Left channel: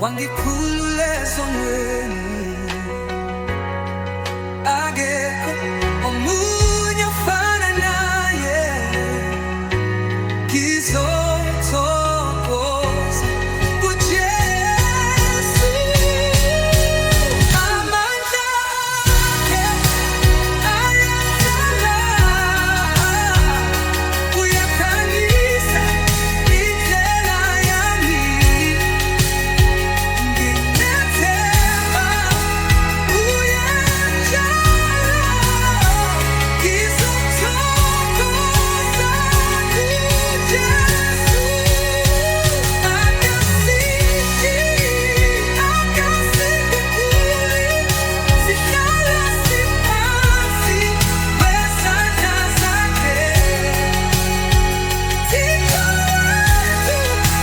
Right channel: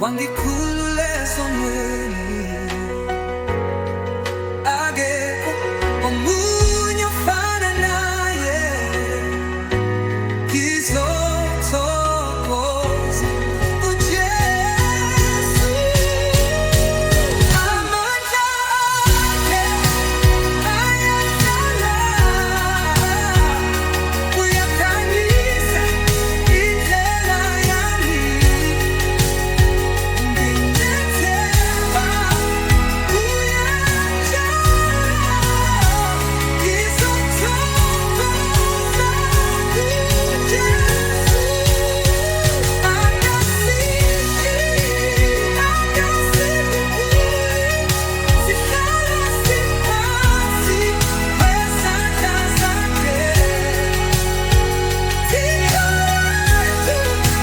wangikhululeka onweni akekho omunye ofana naye. Ngizothokoza kuJesu, amandla akhe ayahlala, uyakhanyisa indlela yami. Nginethemba kuye njalo, ngizothokoza kuJesu. Akasithi, akasikhumbuli, sihlala siphansi kwezandla zakhe. Thixo wethu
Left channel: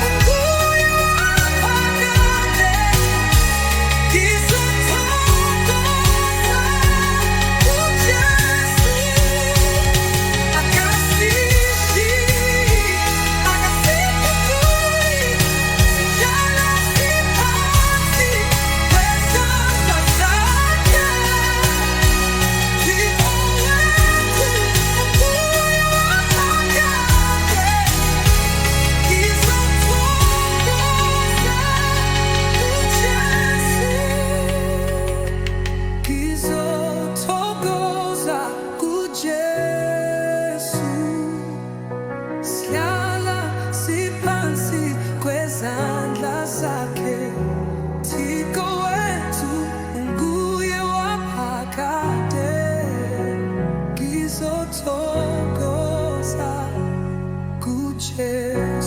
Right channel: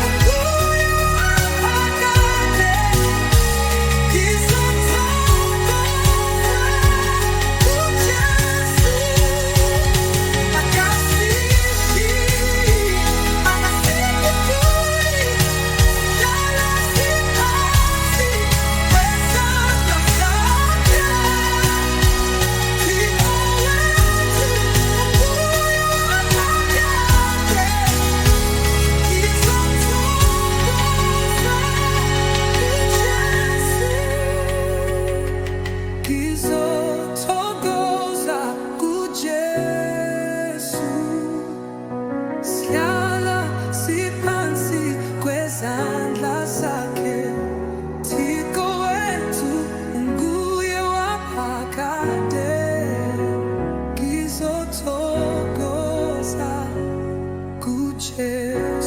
unguye waphakade, ngizothokoza kuJesu. Akasithi, akasikhumbuli, sihlala siphansi kwezandla zakhe. Thixo wethu unguye waphakade, ngizothokoza kuJesu. Sihlala siphansi kwezandla zakhe. Thixo wethu unguye waphakade, ngizothokoza kuJesu.